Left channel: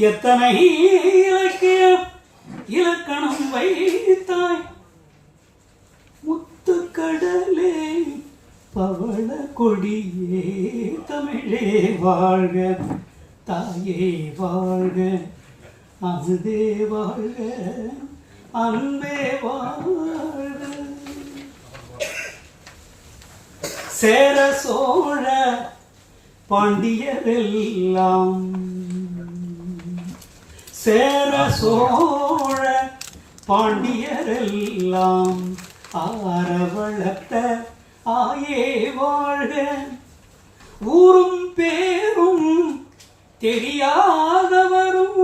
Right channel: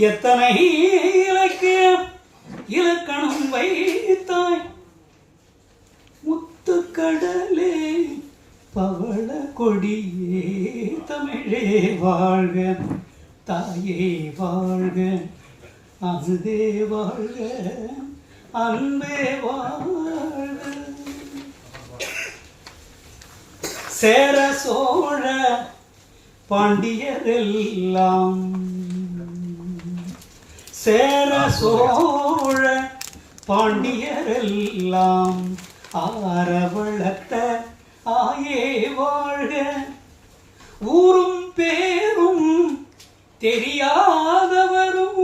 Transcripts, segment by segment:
எத்தனை இலக்கிய இலக்கணம் வைத்தாய்? முத்துக்கடலே பவள கொடியே தமிழே வாழ்க தாயே வாழ்க அமுதே வாழ்க அன்பே வாழ்க. சேர சோழ பாண்டியரெல்லாம் சேர சோழ பாண்டியரெல்லாம் ஆரவளத்த ஆயே வாழ்க ஊரும் பேரும் தெரியாதவரும்.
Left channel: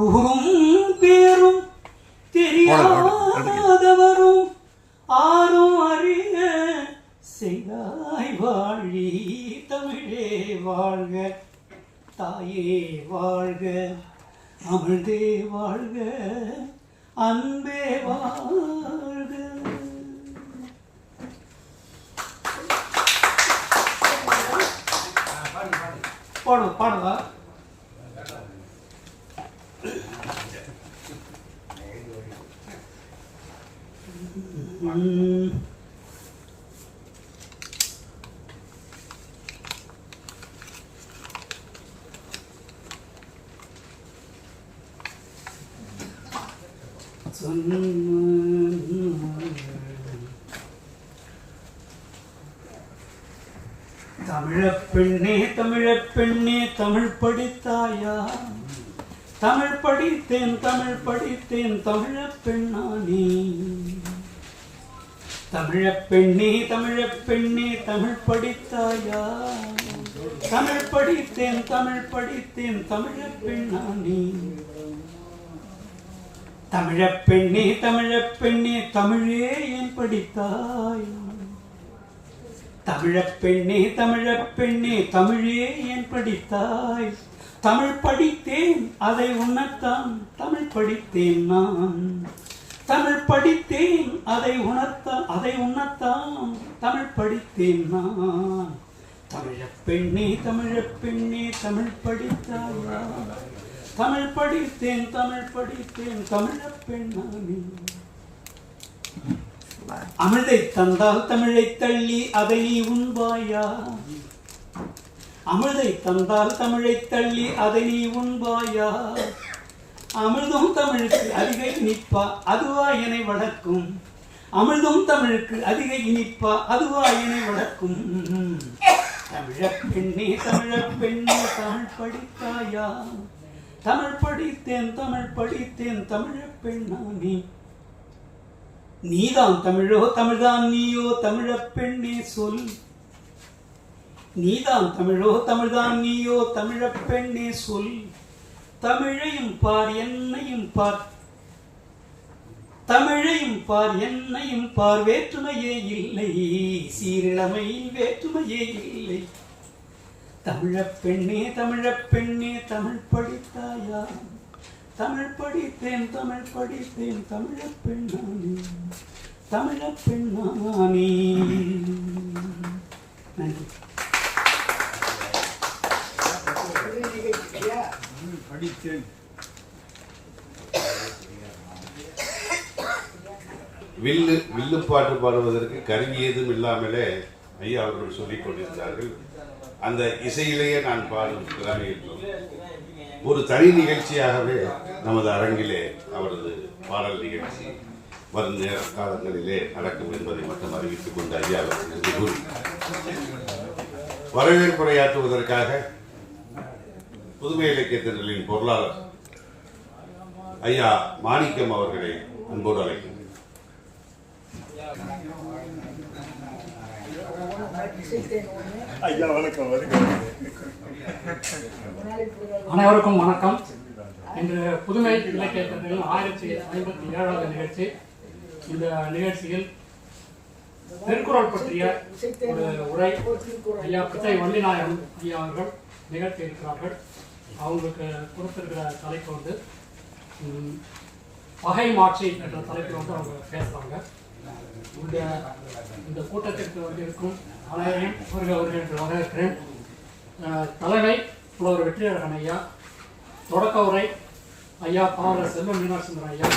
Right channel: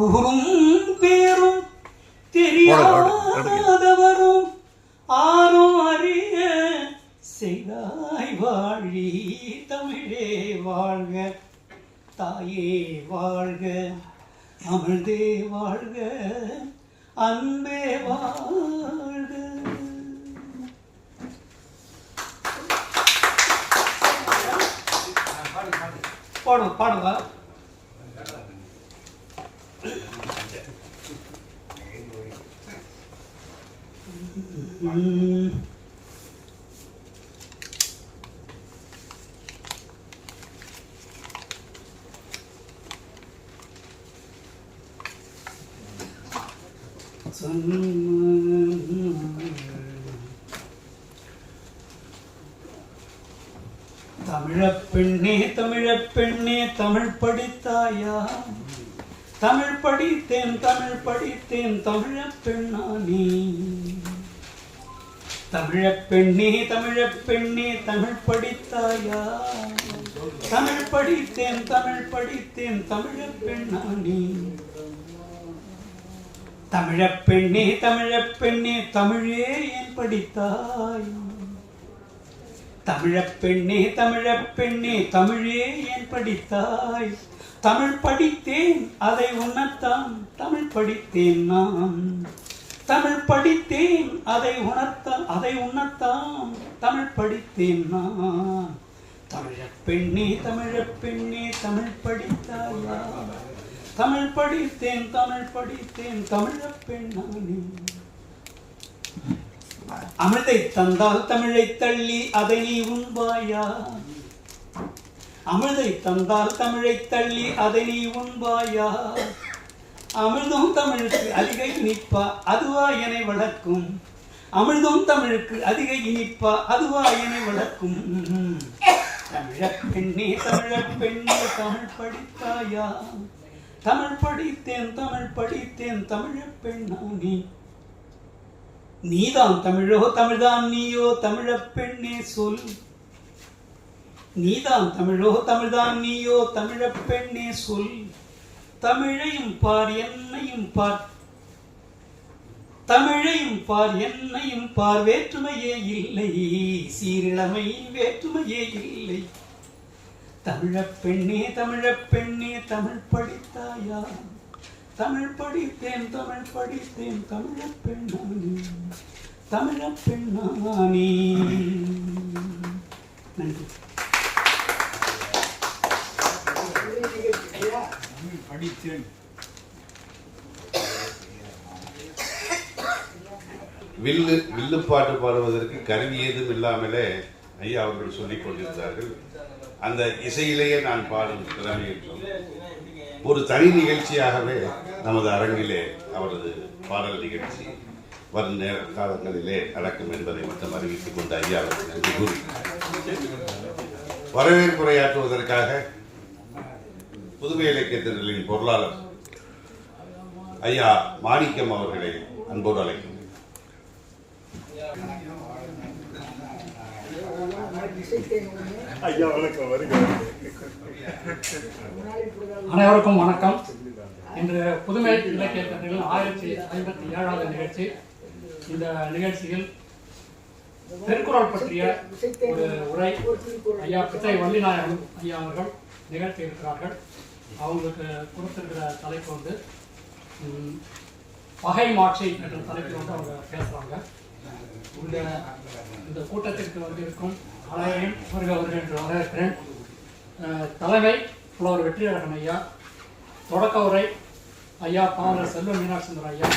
ஊரும் பேரும் தெரியாதவரும் ஆரும் அறிய செய்தாய் வாழி தமிழே வாழ்க தாயே வாழ்க அமிழ்தே வாழ்க அன்பே வாழ்க பாடு பாடுவா ம். தமிழப்பெண்ணே தமிழப்பெண்ணே தமிழ் படித்தாயா? தமிழ் படித்தேன் தமிழ் படித்தேன் தமிழப் பெண்ணானே தமிழப்பெண்ணே தமிழ் படித்தாயா? தமிழ் படித்தேன் தமிழ் படித்தேன் தமிழப் பெண்ணானே தமிழப் பெண்ணே தமிழப் பெண்ணே தமிழே ஏன் படித்தாய்? தமிழப் பெண்ணே தமிழப் பெண்ணே தமிழே ஏன் படித்தாய்? தமிழ் படித்தேன் அதை உணர்த்தான் தமிழ் படித்தேன் நான். தமிழ் படித்தேன் அதை உணர்த்தான் அதை உணர்த்தான் தமிழ் படித்தேன் நான். தமிழப் பெண்ணே தமிழப் பெண்ணே தமிழ் படித்தாயா? தமிழ் படித்தேன் தமிழ் படித்தேன் தமிழப் பெண்ணானே அமிர்தை தந்தால் தமிழை தள்ளி அதை நீ உண்பாயா? அமிர்தை தந்தால் தமிழை தள்ளி அதை நீ உண்பாயா? அமிர்தம் தமிழுக்கு அதிக இனிப்பா அதுவா என்னை வளர்க்கும். அமிர்தம் தமிழுக்கு அதிக இனிப்பா அதுவா என்னை வளர்க்கும். தமிழப் பெண்ணே தமிழப் பெண்ணே தமிழ் படித்தாயா? தமிழ் படித்தேன் தமிழ் படித்தேன் தமிழப் பெண்ணானே. நீதான் தமிழோ தமிழ்தான் நீயோ தமிழ பெண்ணே சொல். நீதான் தமிழோ தமிழ்தான் நீயோ தமிழ பெண்ணே சொல். தமிழையும் பார் என்னையும் பார். தமிழையும் பார் என்னையும் பார். வேற்றுமையே இல்லை சீரிழமையில் வேற்றுமையே இல்லை. தமிழப் பெண்ணே தமிழப் பெண்ணே தமிழ் படித்தாயா? தமிழ் படித்தேன் தமிழ் படித்தேன் தமிழப் பெண்ணானே தமிழப் பெண்ணானே. நன்றி. படித்தேன். வில்லு வில்லுப்பாட்டு பாடுவதற்கு கருவி ஏதும் இல்லாமலே ஐயா அவர்கள் சொல்லிக் கொண்டிருந்தார்கள். அந்த இசையிலேயே நான் பாடும் திறமையிட்டோம் ஒரு தனி நிகழ்ச்சியாகவே நமது அரங்கிலே அவரது பாடல் நிகழ்ச்சி வரும் நேர காலங்களிலே நடக்கும் என்பதை மட்டும் அறிவித்துக் கொண்டு ஐயா அவர்களுக்கு கூறி வரவேற்புரையாற்றுவதற்காக புதுமை இலக்கியத்தினர்களின் பொருளாளர் ஐயா மாணிக்கம் அவர்களை அன்போடு அழைக்கும் அனைவருக்கும் வணக்கம். இன்று புதுமை இலக்கியத்தின் ஆயிரத்தி ஐம்பத்தி ஏழாவது நிகழ்ச்சி. இந்த நிகழ்ச்சியில் திருக்குறள் பற்றிய ஒரு உரை ஐயா பிச்சை வள்ளிநாயகம் ஐயா அவர்கள் நிகழ்த்தி இருக்கிறார்கள் அவங்களுக்கு கொடுத்திருக்கிற தலைப்பு வந்து பகை மாட்சி என்ற தலைப்பில் வந்து அவங்க பேசுகிறாங்க இந்த இந்த கூட்டத்திற்கு வந்திருக்கும் அனைவரையும் வருக வருக என்று வரவேற்கிறேன் தலைமை புலவர் வெற்றியழகன் ஐயா தொடக்க உரை ஐயா பாவலர் செல்வ மீனாட்சிந்தர் ஐயா.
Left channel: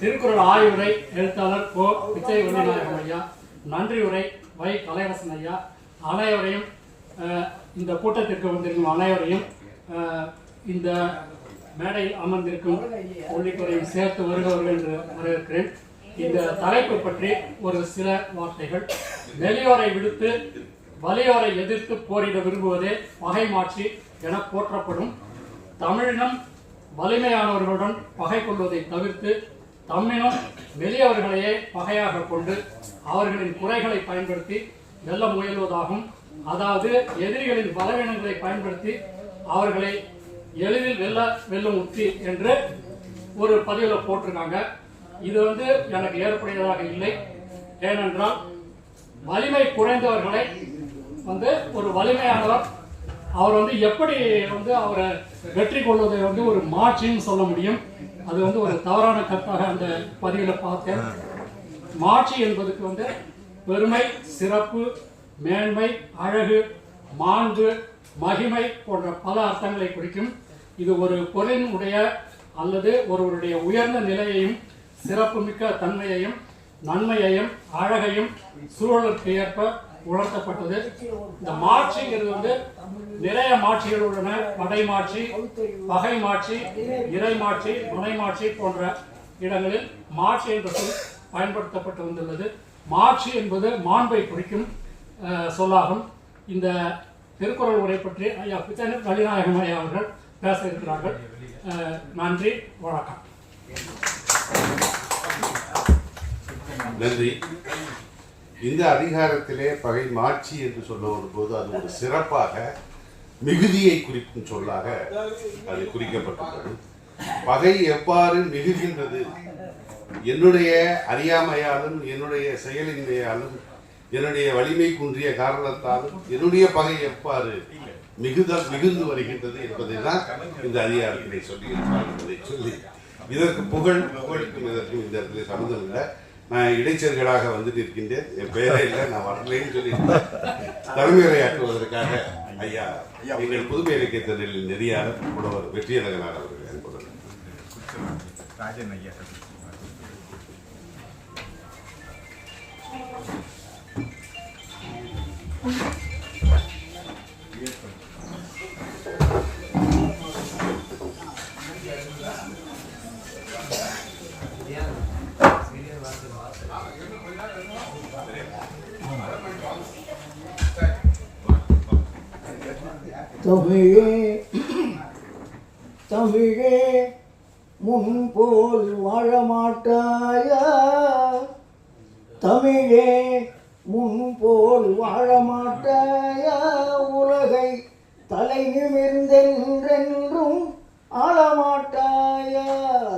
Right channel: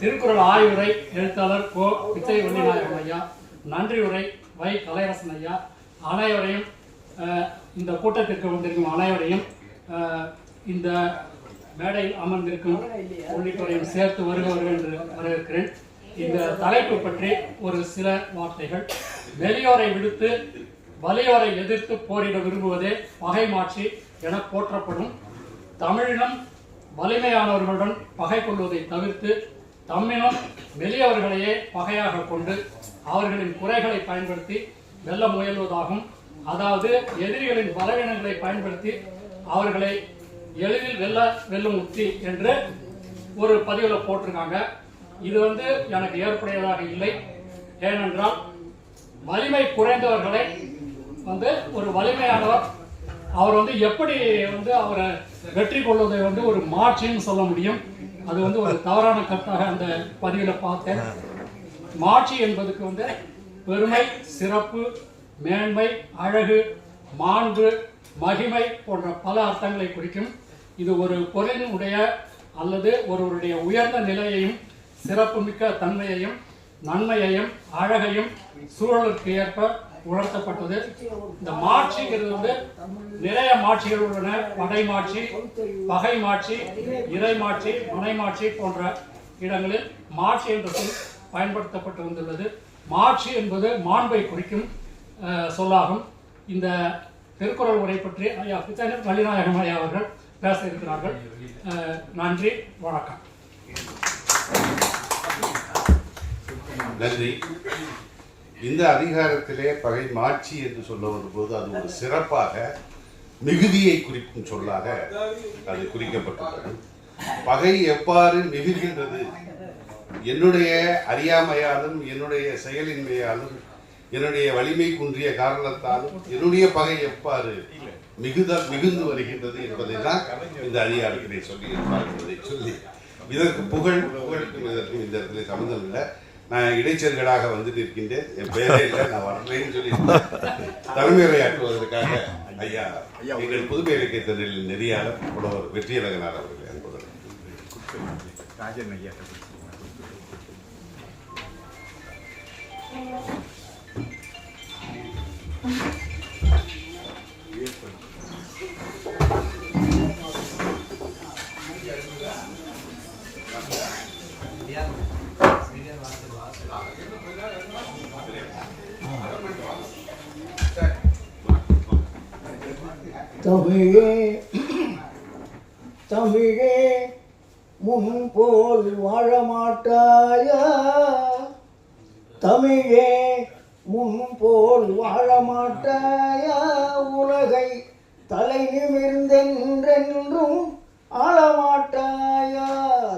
திருக்குறள் ஆய்வுரை எழுத்தாளர் கோ. விஜய் வெள்ளிநாயகம் ஐயா. நன்றி உரை வை கலையரசன் ஐயா. அனைவரையும் இந்த கூட்டத்திற்கு வந்திருக்கும் அனைவரையும் இந்த மேடையில் அமர்ந்திருக்கும் உள்ளிட்டோரையும் சேர்த்து வருகிறவர்கள் என்று வரவேற்கிறேன். இந்த தலைப்பு பற்றி ஒரு சில வார்த்தைகள். வெளியோரை விடுத்து வலியோரை எதிர்த்து போரிட விரும்புவதே பகை மாட்சி என போற்றப்படும். தமிழினம் வலிமையானவர்களுடன் பகை கொள்வதை தவிர்த்து தம்மினம் மெலியவர்களையே பகையாக கொண்டு அவர்களின் குறைகளை பயன்படுத்தி வெல்ல முயல்வதாகும். அதாவது எதிரிகளின் பலவீனங்களை பயன்படுத்தி அவர்களை எளிதில் வெல்ல வெல்லும் உத்தி என்று ஒரு பதிவில் போட்டிருக்காங்க. இது வந்து எனக்கு ஏற்புடையதாக இல்லை. ஏனென்றால் வலிமை குறைந்தவர்களை வந்து ஒரு வலிமையானவர் அவர் வந்து எப்படி வந்து அவரை வெற்றி கொள்வதை வந்து ஒரு மாட்சின்னு சொல்ல முடியும். அது வந்து ஒரு தவறான கருத்தாக அந்த பதிவில் பார்த்தேன். மாட்சி என்பதுக்கு வந்து பெருமை சிறப்பு மேன்மை அழகு மாண்பு மகிமை போன்ற பல அர்த்தங்களை குறிக்கும் இது ஒரு பொருளினுடைய அல்லது ஒருவருடைய உயர்ந்த நிலையையும் சிறப்புமிக்க தன்மையையும் நன்மையையும் அழகையும் சூழலுக்கு ஏற்ப உணர்த்தப்பட்டது. இந்த மாட்சிங்கிறது வந்து நிறைய மாட்சிகள் உள்ளன. படை மாட்சி பகை மாட்சி இறை மாட்சி மனை மாட்சி போன்ற இடங்களில் மாட்சி என்ற சொல் பயன்படுத்தப்பட்டு வந்துள்ளது. மாட்சி என்பது மாண்பை குறிக்கும் சொல்லாகும். இந்த திருக்குறள் உரை பற்றி ஐயா பித்தனர் வள்ளிநாயகம் ஐயா அவர்கள் பேச இருக்கிறார்கள் நன்றி வணக்கம். நன்றி. இந்த அதிகாரத்திலே பகை மாட்சி என்று சொல்ல வரும்போது அது ஒரு சிறப்பாக மிகுதியை குறிக்கும் சொல்லாக அது குறிக்கப்பட்டுள்ளது. பகை எவ்வாறு மிகுகின்றது? என்னுடைய அறியாமையாலும் என்னுடைய செயலின்மையாலும் என்னுடைய வலிமை குன்றிய காரணத்தாலும் என்னுடைய பகை எவ்வாறு மிகுதல் மிகுந்து வருகின்றது என்பதை தான் இந்த அதிகாரத்திலே சொல்லி என்பதை சொல்லி. இதற்கு புகழ் புகழுக்கும் இதற்கும் இந்த இடத்துல சம்மந்தம் இல்லை. நான் இடைச்சர்களாக வந்து நிற்கின்றேன் என் பெயரே இல்லை நான் வரலைன்னு சொல்லி தலைமையுரையாற்றுவதற்காக ஐயா எங்கள் புதுமை இலக்கிய தொழிலில் நெறியாளர் புலவர் வெற்றியழகனார் அவர்கள் அன்புடன் ராஜன் ஐயா தமிழே தமிழே முன்போல் வாழமாட்டாயா தமிழே முன்போல் வாழமாட்டாயா உலகை தலை நிமிர்ந்தென்றென்றும் ஆளமாட்டாயா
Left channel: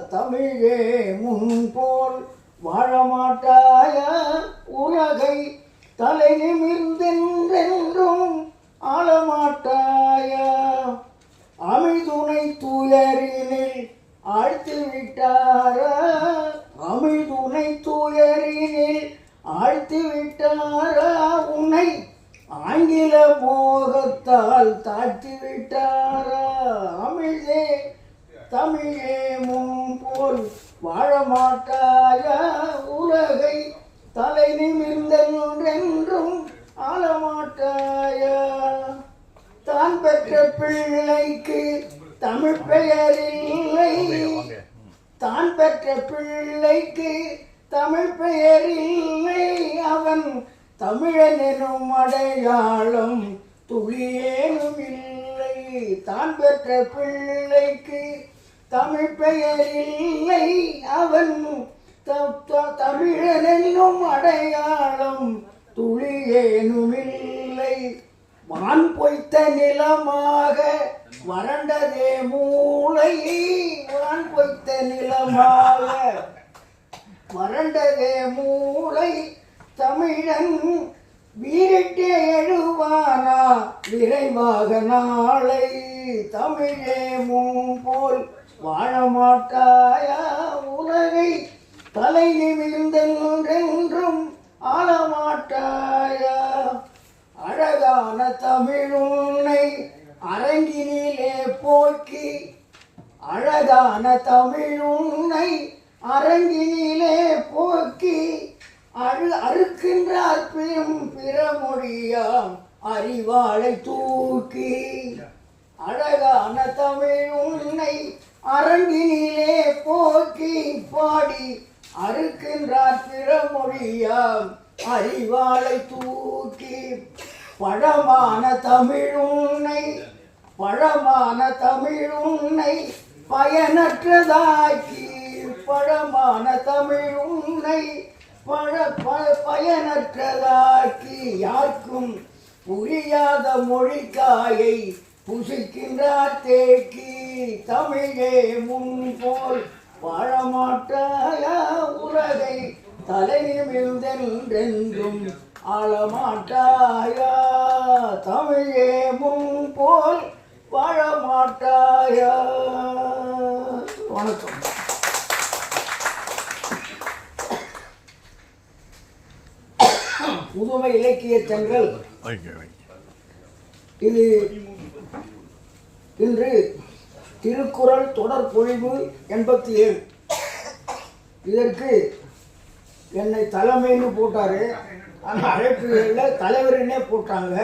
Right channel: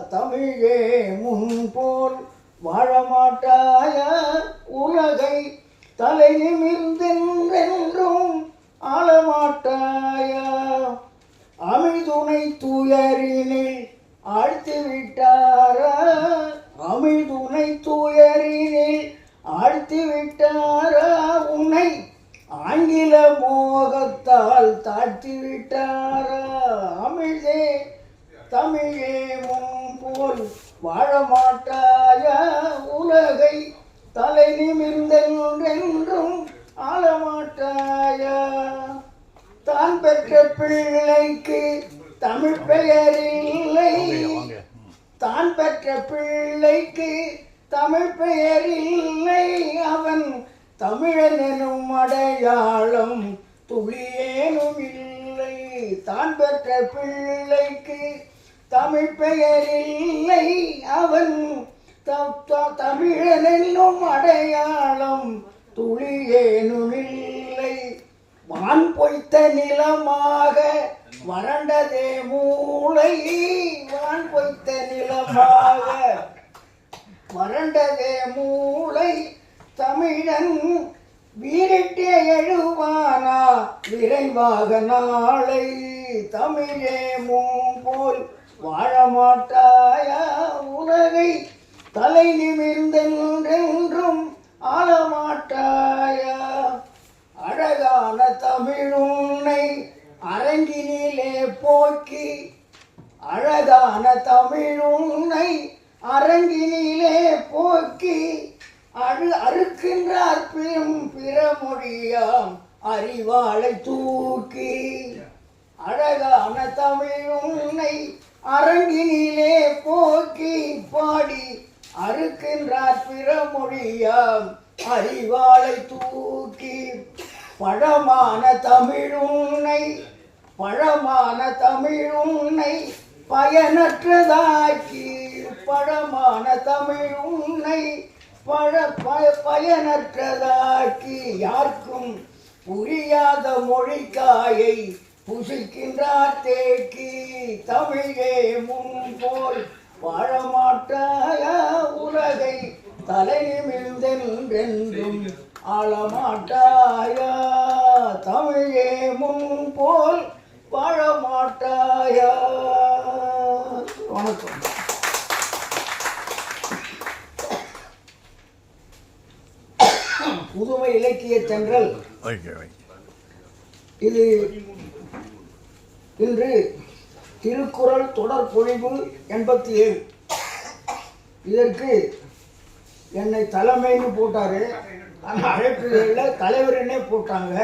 தமிழே முன்போல் வாழமாட்டாயா உலகை தலை நிமிர்ந்தென்றென்றும் ஆளமாட்டாயா அமிழ்துணை தூயரினில் ஆழ்த்து விட்டாரா அமிழ்துணை தூயரினில் ஆழ்த்து விட்டாரா உன்னை ஆங்கில மோகத்தால் தாழ்த்தி விட்டாரா அமிழ்தே தமிழே முன்போல் வாழ மாட்டாயா உலகை தலை நிமிர்ந்தென்றென்றும் ஆளமாட்டாயா? தான் பெற்ற பிள்ளைக்கு தமிழ் பெயர் இல்லை தான் பெற்ற பிள்ளைக்கு தமிழ் பெயர் இல்லை அவன் தமிழன் எனும் அடையாளம் துளியேனும் இல்லை தான் பெற்ற பிள்ளைக்கு தமிழ் பெயர் இல்லை அவன் தமிழன் என்னும் அடையாளம் துளியேனும் இல்லை வான் பொய்த்த நிலமாக வறண்டதே மூளை. வான் பொய்த்த நிலமாக வறண்டதே மூளை. தமிழன் வீரிட்டு எழுவானா? விரைவாக நாளை தமிழே போல் வாழ ஆளமாட்டாயா உலகை? தலை நிமிர்ந்தென்றென்றும் ஆளமாட்டாயா அழகான தமிழுன்னை அரங்கினிலே போக்கி அழகான தமிழுன்னை அரங்கினிலே போக்கி அழு அறுக்கின்றார் பிறம் பிறமொழியாம் அறிவாளை தூக்கி. அழகான தமிழ் உன்னை அரங்கினிலே போக்கி பாடி அறுக்கின்றார் பிறமொழியாம் அறிவாளை தூக்கி. பழமான தமிழ் உன்னை பழமான தமிழ் உன்னை பயனற்றதாக்கி பழமான தமிழ் உன்னை பழ ப- பயனற்றதாக்கி யாருக்கும் புரியாத மொழிக்காயை புசிக்கின்றார் தேக்கி தமிழே முன் போல் வாழமாட்டாயா உலகை தலைநிமிழ்ந்தென்றென்றும் ஆளமாட்டாயா? தமிழே முன் போல் வாழமாட்டாயா? வணக்கம். புதுமை இலக்கிய தென்றல். இது இன்று திருக்குறள் தொடர் பொழிவு எண்பத்தி ஏழு இதற்கு என்னை தலைமைன்னு போட்டாரு. ஆனால் அழைப்புகளில் தலைவர்னே போட்டாங்க.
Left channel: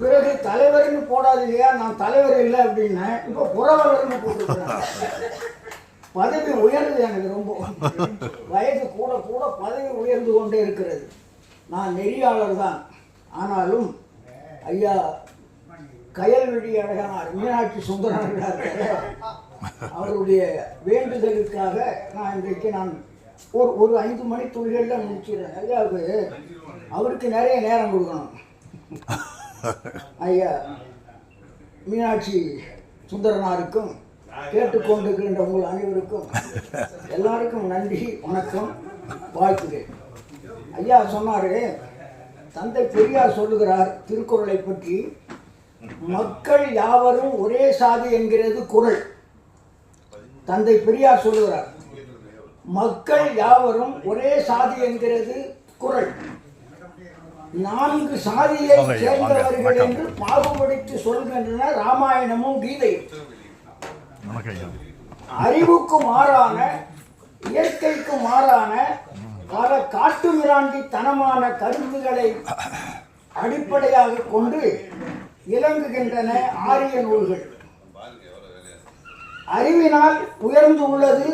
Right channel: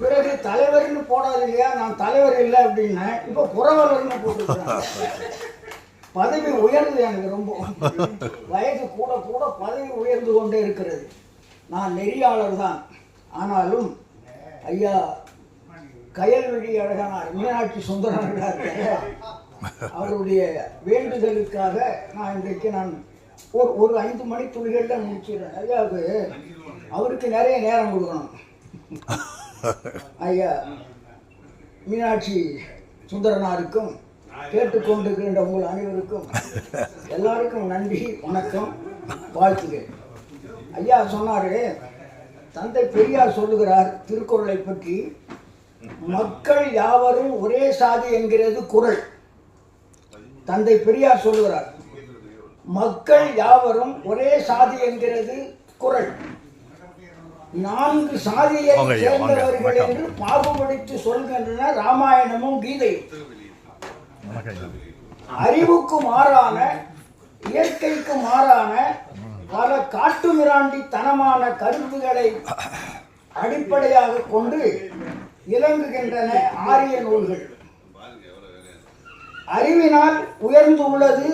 பிறகு தலைவர்னு போடாது இல்லையா நான் தலைவர் இல்லை அப்படின்னேன் இப்போ புறவலர்னு போட்டுருக்காங்க. பதவி உயர்ந்து எனக்கு ரொம்ப. வயது கூட கூட பதவி உயர்ந்து கொண்டே இருக்கிறது. நான் நெறியாளர் தான். ஆனாலும் ஐயா கயல்வெளி அழகனார் மீனாட்சி சுந்தரனார் அவருடைய வேண்டுதலுக்காக நான் இன்றைக்கு நான் ஒரு ஒரு ஐந்து மணி துளிகளில் முடிச்சிடுறேன் ஐயாவுக்கு அவருக்கு நிறைய நேரம் கொடுக்கணும். ஐயா மீனாட்சி சுந்தரனாருக்கும் கேட்டுக்கொண்டிருக்கின்ற உங்கள் அனைவருக்கும் எல்லாருக்கும் நன்றி வணக்கம் வாழ்த்துகிறேன் ஐயா சொன்னாரு தந்தை பெரியார் சொல்லுகிறார் திருக்குறளை பற்றி மக்கள் யாவரும் ஒரே சாதி என்கிறது குறள். தந்தை பெரியார் சொல்லுகிறார் மக்கள் யாவரும் ஒரே சாதி என்கிறது குறள் நான்கு சாதியை. சேர்ந்தவர்கள். என்று பாகுபடுத்தி சொல்கின்றன ராமாயணமும் கீதையும் அறிவுக்கு மாறான இயற்கைக்கு மாறான பல காட்டுமிராண்டித்தனமான கருத்துக்களை அடிப்படையாக கொண்டு இலங்குகின்றன ஆரிய நூல்கள் அறிவினால் உயர்ந்து உள்ளது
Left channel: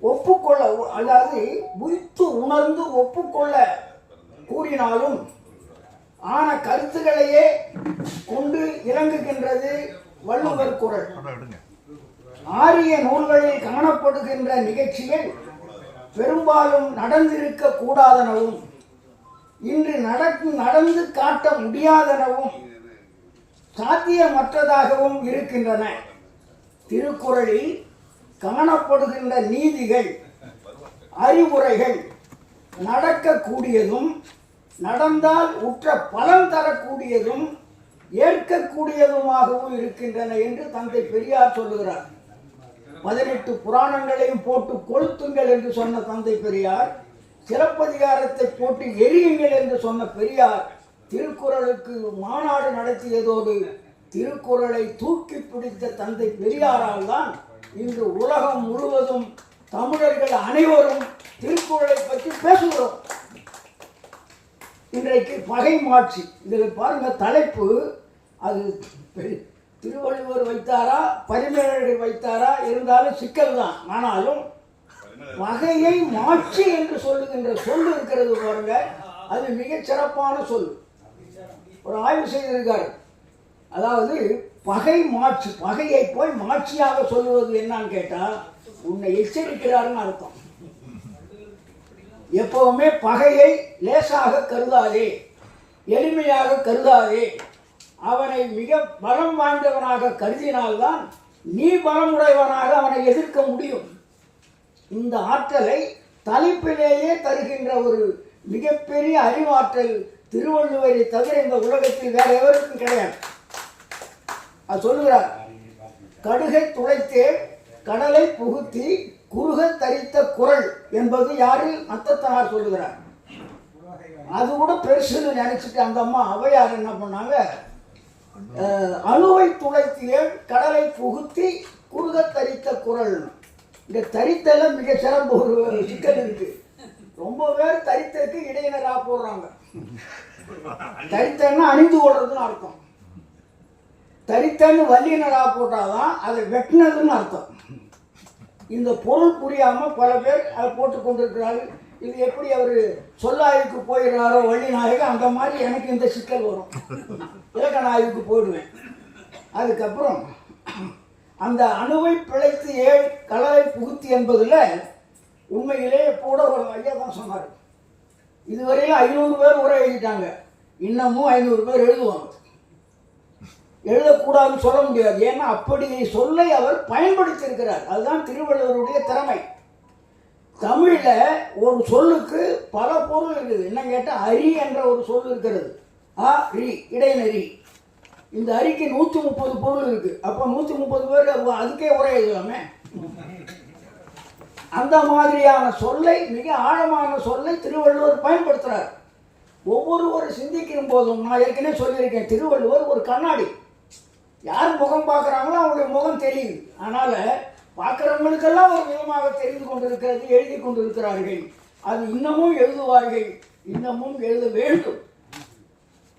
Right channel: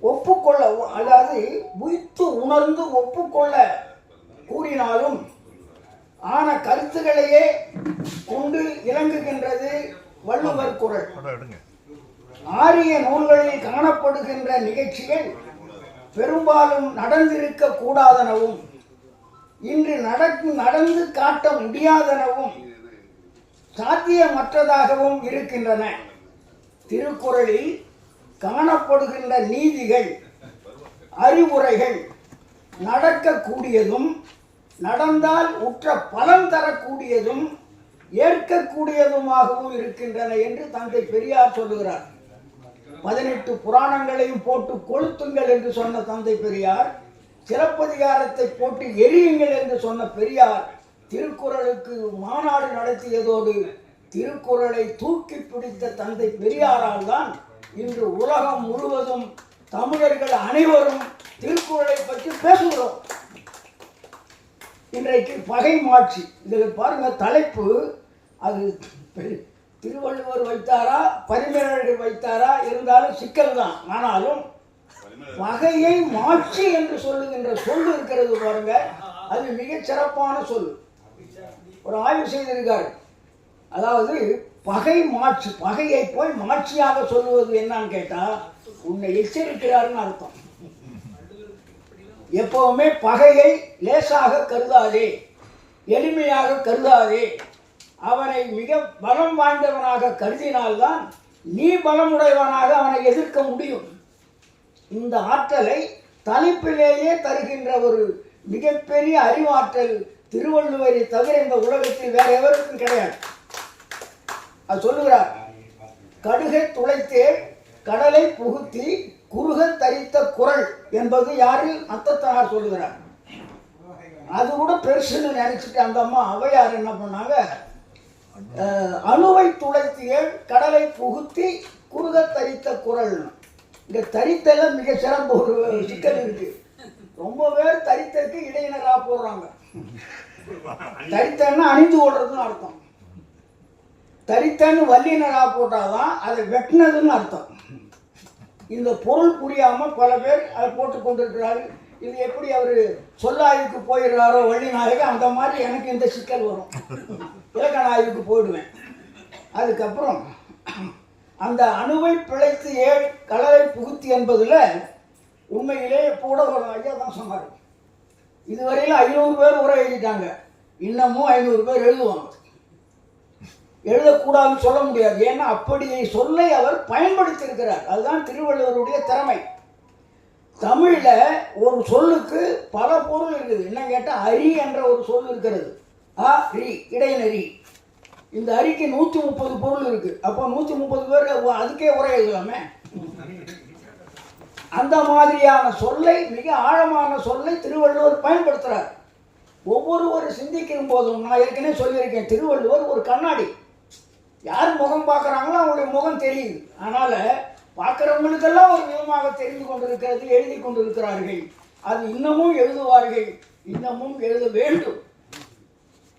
ஒப்புக்கொள்ள அதாவது உய்த்து உணர்ந்து ஒப்புக்கொள்ள கூறினாலும் ஆன கருத்துக்களையே கொண்டு இலங்குகின்றது வள்ளுவர் குரல். ஆரிய நூல்களில் காணப்படுகின்ற நிகழ்ச்சிகள் பெரும்பாலும் நடந்திருக்க கூடாதனவும் இன்று நடந்து காட்ட முடியாதனவும் சாத்தியமற்றதாகவும் இருக்கின்றன. திருக்குறளில் காணப்படுகின்ற நீதிகள் அறிவுரைகள் நடக்கக்கூடியதும் நடந்தால் உற்ற பலன் தரக்கூடியதும் ஏற்கக்கூடியதுமாகவும் இருக்கின்றன என்று தந்தை பெரியார் சொல்லுகிறார். பதினெட்டு புராணங்களையும் போட்டு கொளுத்துங்கள் என்று சொன்ன தந்தை பெரியார் சிறப்பதிகாரத்தை போட்டு எரியுங்கள் என்று சொன்ன பெரியார் திருக்குறளுக்கு மாநாடு நடத்தியதோடு திருக்குறளை தூக்கி பிடித்த தந்தை பெரியாரால் தான் இன்று உலகம் முழுவதும் தமிழர்கள் அனைவரும் திருக்குறளை பற்றி பேசுகிறோம். இன்றைக்கு பகை மாட்சி இதில் பாருங்க தலைப்பு அது திருவள்ளுவர் வைத்தாரா பரிமேலர்கள் வைத்தாரா இருந்தாலும் சிக்கல் தான். ஆனாலும் பகையை மாட்சி என்று சொல்லுகின்ற சொல் இருக்கிறது பாருங்க. அது மிகச் சிறப்பான சொல். ஒரு ஆய்வு செய்திருக்காரு. அதாவது பகை மாட்சி பகையை போய் மாட்சியாக சொல்லுவது என்னன்னு கேட்டால் உன்னை எச்சரிக்கிறாருன்னு அர்த்தம். எப்பவுமே பகையை லேசாக கருதாதே எளிமையாக கருதாதே. அவனை மிக பலம் வாய்ந்தவனாக கருதினால்தான் நீ பலமுடையவனாக அவனை எதிர்க்க முடியும். இந்த ஆற்றலை தலைப்பிலேயே தருகின்ற ஒரு மிகப்பெரிய அறிவாற்றல் திருவள்ளுவரை தவிர இந்த உலகத்தில் வேற எவருக்கும் கிடையாது. அது சொல்லுகிறார். கடுகை துளைத்தே கடலை புகுத்தி குறுக தரித்த குரல் என்பது யாரு? அத்தத்தனார் சொல்லுகிறார். அது கூட பெருசுன்னு நினைச்சிட்டு அந்த அம்மா அவையார் என்ன பண்ணாங்க? அழுவை அணுவை துளைத்திய கடலை புகுத்தி குறுக தரித்த குரல்? இந்த தரித்தல மிக சிறப்பு ஒரு சிக்கல் இருக்கு. ரொம்ப பேர் தரித்தற்கு இடையினராக போடுறாங்க. தரித்தன்னா அணிந்து கொள்றதுன்னு அர்த்தம். தரித்தன்னு வல்லினரா போட்டால்தான் அதை வெட்டினதுன்னு அர்த்தம். இந்த பொருள் புரியாமல் பல பேர் அதை போட்டு கொண்டிருக்கிறார்கள். இது எப்படி அவர் சொல்லாய்வுக்கு போயிடுறாரோ வள்ளி நாயகம் அந்த மாதிரி எனக்கு இந்த சிக்கல் வரும். இலக்கண ஆய்வுக்கு போயிடுவேன். அதுக்கப்புறம் அந்த அணுவை பிழைத்து ஏ கலரை புகுத்தி என்பதில் உண்மையிலே கூட ஒரு ஐயா தான் சொன்னார். இதுவரையில் ஐநூறு பேர் உரை எழுதிட்டாங்க. இன்னமும் ஐநூறு பேர் எழுதுவாங்க. எழுதக்கூடாதுன்னு சொல்ல முடியாது. ஏன்னா அப்படி சொல்லை அவர் பயன்படுத்தியிருக்கிறார். அதுதான் திருவள்ளுவருடைய திறமை. தமிழில் ஒரு சொல்லுக்கு பல பொருள் இருக்குது. என்ன கேட்டால் அரி என்ற ஒரு சொல் இருக்கிறது. ஆ ரி இடைநரி. இந்த அரிக்கு நூற்றி முப்பது பொருள் இருக்குது அப்போ நூற்றி முப்பது பேர் அதுக்கே உரை எழுதலாமே? அந்த மாதிரியான சொல்லை மிக ஆழமான சொல்லை திருவள்ளுவர் பயன்படுத்துகிறார் ஒவ்வொருவர் சிந்திக்கும் போதும் நான் ஏற்கனவே சொல்லியிருக்கேன் திருவள்ளுவர் ஒரு கண்ணாடி. யார் முகம் பார்க்குறாங்களோ அவங்களுடைய முகம் தெரியுது. அதனால் பார்க்குறவங்களுக்கெல்லாம் ஒரு விதமாக தெரிந்து கொண்டிருக்கிறது எழுதி கொண்டிருக்கிறார்கள். அது இன்னமும் எழுதுவார்கள். இன்னமும் எழுத வேண்டும்.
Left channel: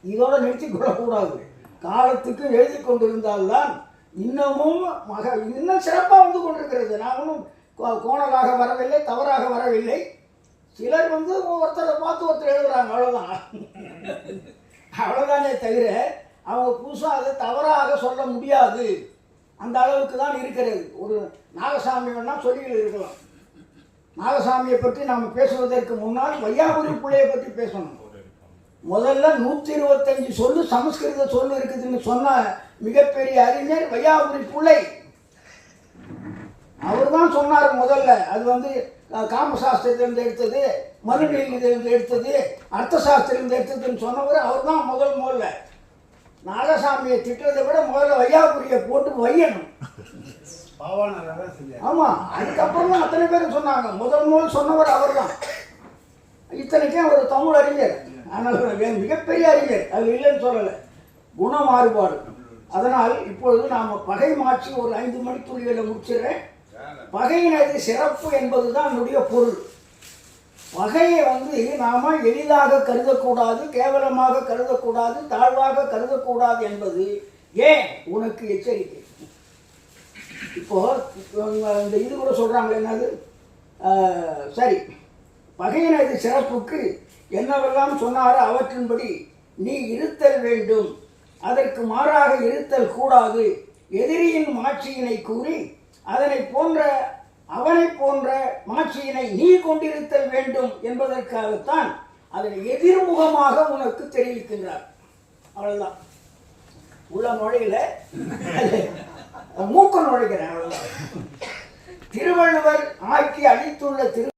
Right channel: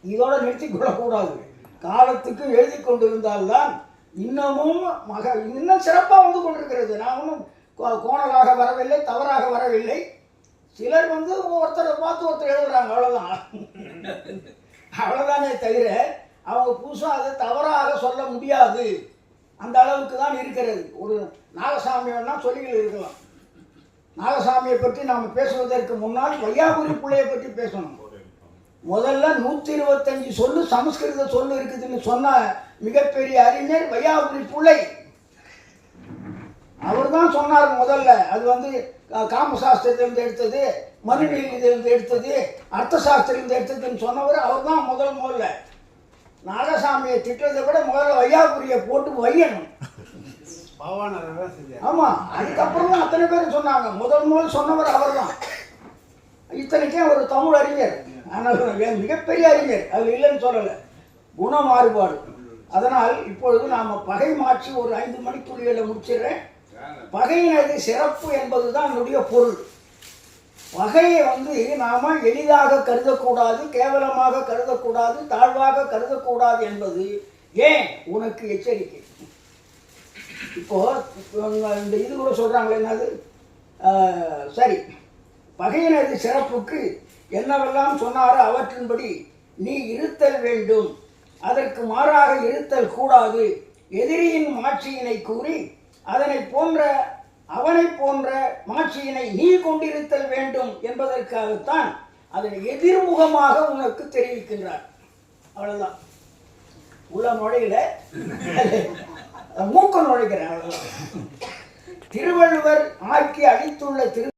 இதோட நிறுத்தி கொள்ளக்கூடாது. காலத்துக்கு எழுதி கொண்டிருந்தால்தான் இன்னமும் மக இன்னும் சிறப்பாக வந்து கொண்டிருக்கிறது. நான் ஒன்றும் கோ- கோணலாக வரவில்லை தவறாக வரவில்லை. சிலர் வந்து ஒருத்தரை பார்த்து ஒருத்தர் எழுதுகிறாங்க அவ்வளோதான் அவ்வளோதானே தவிர அவங்க புதுசாக அதை தவறாக சொல்ல முடியாது. அந்த அளவுக்கு தான் இருக்கிறது. ஒரு நாகசாமி சொல்லி இருக்கலாம். நாகசாமியை பற்றி நாம் பேசுவதற்கு முன்னால் வையாபுரி பிள்ளையை பற்றி பேசணும். முதல்ல நூற்றி இருபத்தஞ்சு சொல்லு சமஸ்கிருத சொல்லு இருக்குதுன்னு சொன்ன மிகப்பெரிய அறிஞர் வையாபுரி பிள்ளை. அவர் தான் சொன்னார் முதல்ல. அது வந்து காமசாஸ்திரத்திலிருந்து எடுத்தது மனுநீதியிலிருந்து எடுத்தது அர்த்த சாஸ்திரத்திலிருந்து எடுத்ததுன்னு சொன்னவர் அவர் தான் முதல் முதல்ல. நாகசாமியை திட்டுறதை விட முதல்ல வையாபுரியை போட்டு வையணும். ஆமா அதுக்கப்புறம் தான் அத்தனை பேரும் சொன்னாங்க. முதல் முதல் சொன்னவர் அவர்தான். இத்தனைக்கும் அவர் தமிழ் அறிஞர். ஆனால் மிகப்பெரிய அறிஞர். அது இல்லைன்னு சொல்லலை. குண மாறுபாடு. அதனால் இப்பொழுது நாம் பகை மாற்றி ஒரு ஐந்து மணித்துளிகளை முடிச்சிடுறேன். பகையினது சிறப்பு என்பது தான் என்னுடைய பொருள். பகையை வந்து நாம எளிதாக கருதக்கூடாது கேவலமாக கருதக்கூடாது தாழ்வாக கருதக்கூடாது என்பது ஏன் உனக்கு எச்சரிக்கை? இப்போ இந்த இது கூட சொல்றாங்களே என்னது? சரி. பகையினது சிறப்புக்கு என்னவெல்லாம் சொன்னாரோ அவற்றின்படி நீ இருத்தல் வேண்டும். அதற்கு மாறாக இருத்தல் கூடாது. எதிரியின் மாட்சியினை கூறி அதனை போன்ற அவனை போன்ற மாட்சியினை நீ கொண்டிருத்தல் வேண்டும் என்பதற்காகத்தான் அதனை எதிர்முகமாக உனக்கு தெரிவிக்கின்றார் அவ்வளவுதான். உள்ள நுழையில. மூக்க நுழைக்கிறேன் அவ்வளவுதான். திருவள்ளுவர் ஆக்கி அளித்துள்ள திரு